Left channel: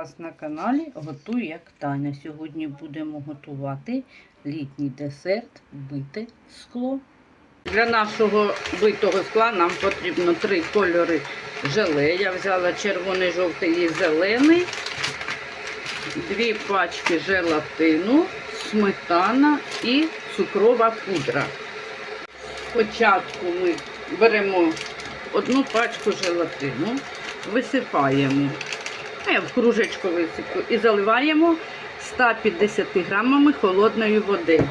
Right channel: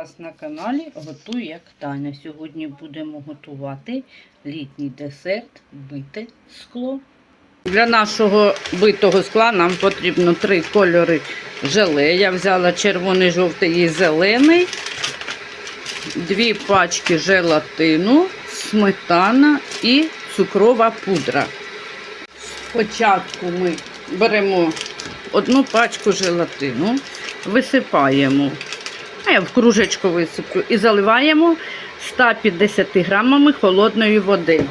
вас на каналі Готуй як Таня. Сьогодні будемо готувати літній десерт бите скло. Для нашого битого скла нам потрібно три кольори желе. Я взяла червоний, жовтий і зелений, дві пачки желатину, сметана і цукрова пудра. Спочатку ми беремо одну пачку желатину, висипаємо, а я в кружечку висиплю і заливаємо 150 грамами холодної води.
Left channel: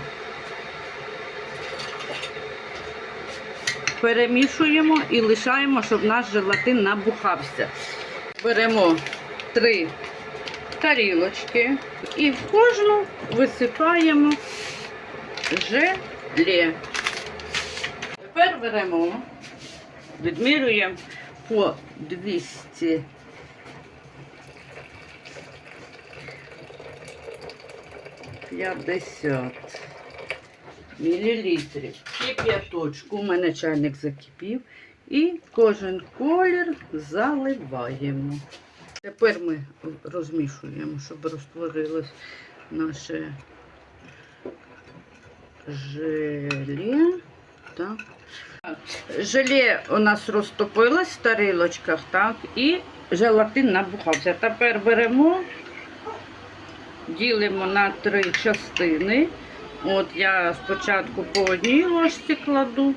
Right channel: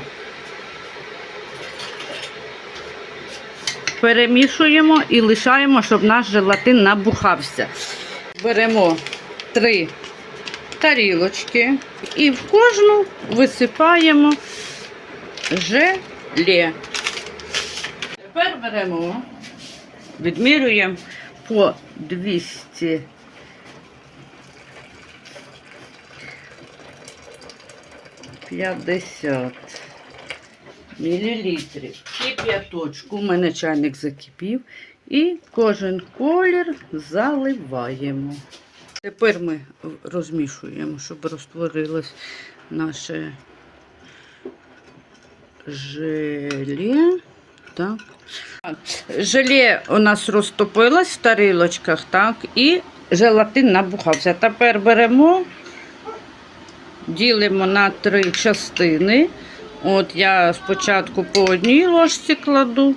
Перемішуємо і лишаємо, щоб наш желатин набухався. Беремо три тарілочки і в кожну висипаємо желе. Тепер беремо, відмірюємо по 200 50 мілілітрів. Кип'яточку. У мене чайник закипів. І кожен колір заливаємо. Тепер ми розмішуємо, щоб розтворилось наше желе. Так. Желе у нас розтопилось в тарілочках, так, і желатин набухався. Тепер беремо, ділимо на три частини. От я спочатку по одній ложці кладу,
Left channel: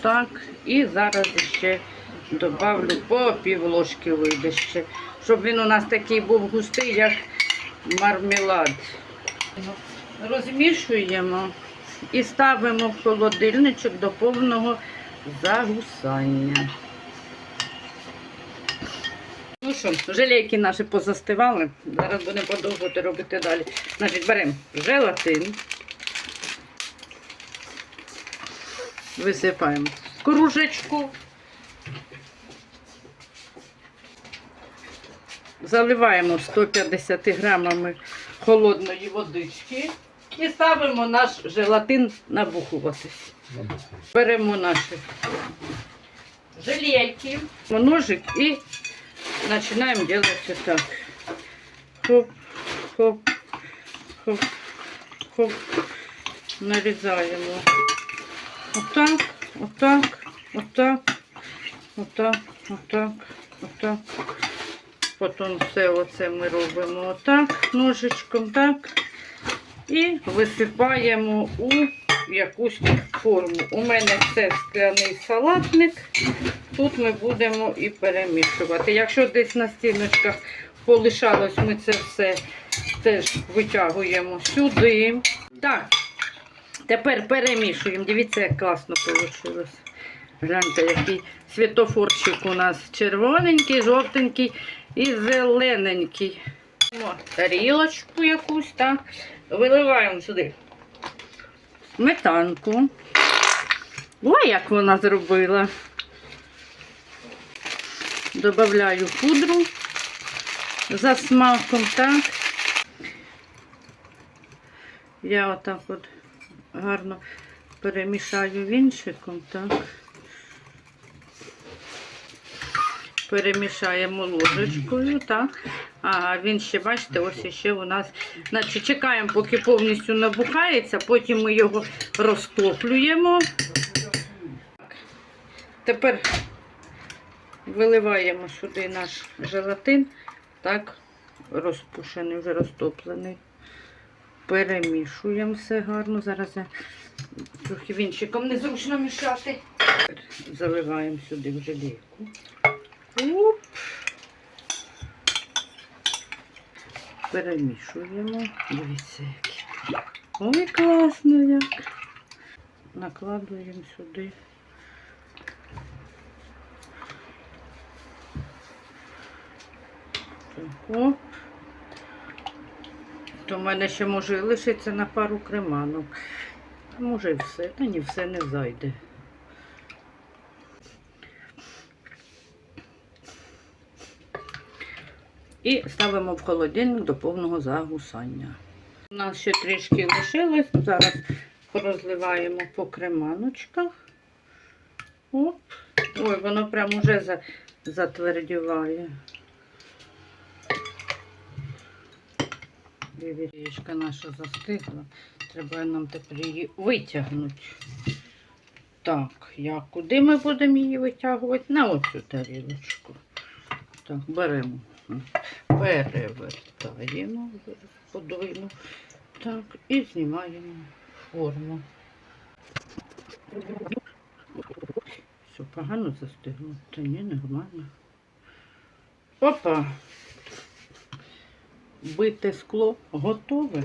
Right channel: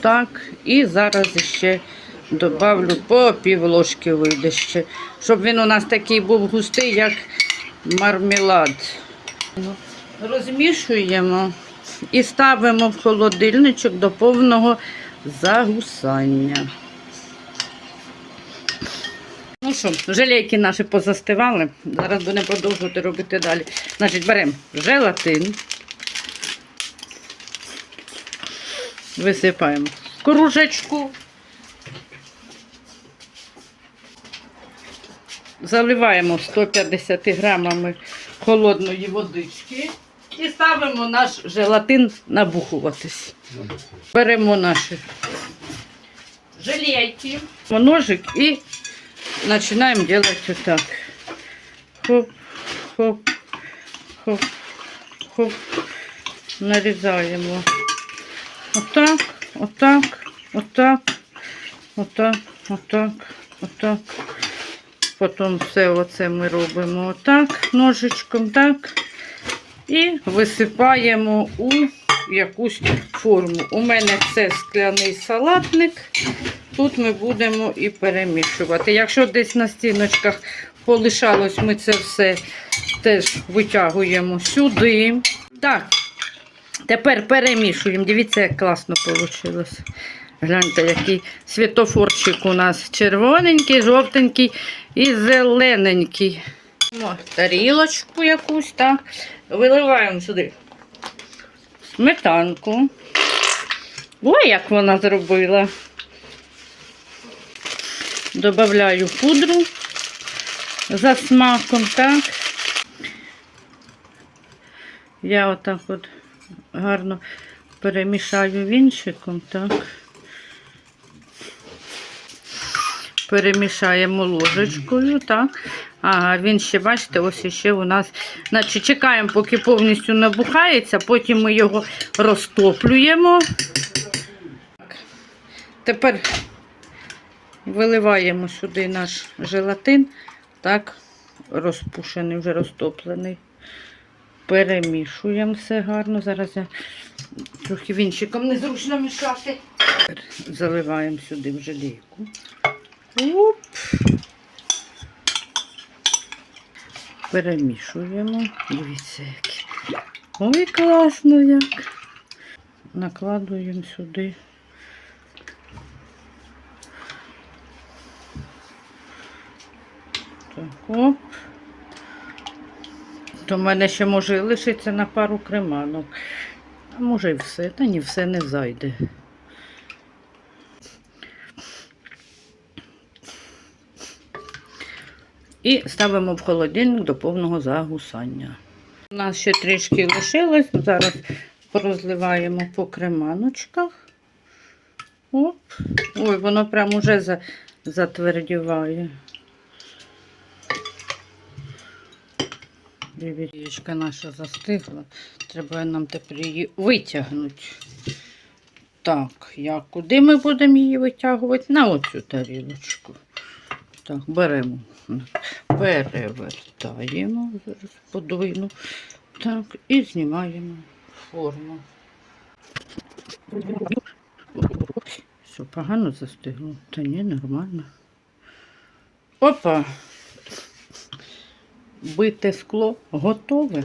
так, і зараз ще добавлю по пів ложки вийде ще, щоб він у нас такий був густий, як мармелад. Розмішуємо і ставимо в холодильничок до повного загусання. Ну що, желейки наші позастивали. Зараз будемо продовжувати робити далі. Значить, беремо желатин. Висипаємо кружечку. Заливаємо 150 грамами холодної водички і ставимо наш желатин набухуватись. Беремо наші желейки, ножик і починаємо робити так. Хоп, хоп, хоп, хоп. Нарізаємо. Отак, отак, отак, отак, отак, отак. Потім все оце ми робимо отак, ножичком, так. І висипаємо у якусь форму. У мене це скляний салатник. Тут ми будемо і перемішувати. Якщо десь на стіночках полишалось, ми це все теж витягуємо сюди. Так, тепер перемішуємо. Дивіться, як класно вийшло. Гляньте, який світофорчик у нас червоненький, жовтенький і зелененький. О, тарілочку якусь, так. Виливаємо сюди сметанку. Ой, як вона зробила. Добавляю пудру за смаком, так. Я отак от гарно перемішаю вінчиком, так. Перемішаємо ложечкою, так. Ага, він ще, бачите, ось ще у нас. Значить, чекаємо, поки повністю набухається, потім ми його розтоплюємо. Тепер виливаємо сюди наш желатин, так, розпушений, вже розтоплений. Перемішуємо все гарно. Зараз я трохи вінчиком незручно мішати. Заливаємо сюди в желейку. Оп. Перемішуємо. Дивіться, як. Ой, класно як. Накладуємо сюди. Оп. То в мене ще може лишиться на пару креманок. А може і все. Та ні, все не зайде. І ставимо в холодильник до повного загусання. У нас ще трішки лишилось. Зараз розливаємо по креманочках. Оп. Ой, воно прям уже за, затвердіває. Річка наша застигла. Треба нам тепер її витягнути. Так, я куди ми будемо її витягувати? На оцю тарілочку. Так, беремо. Перевертаємо, зараз. Так, і знімаємо форму. Все, погано застигло. Та ні, нормально. Опа. Бите скло готове.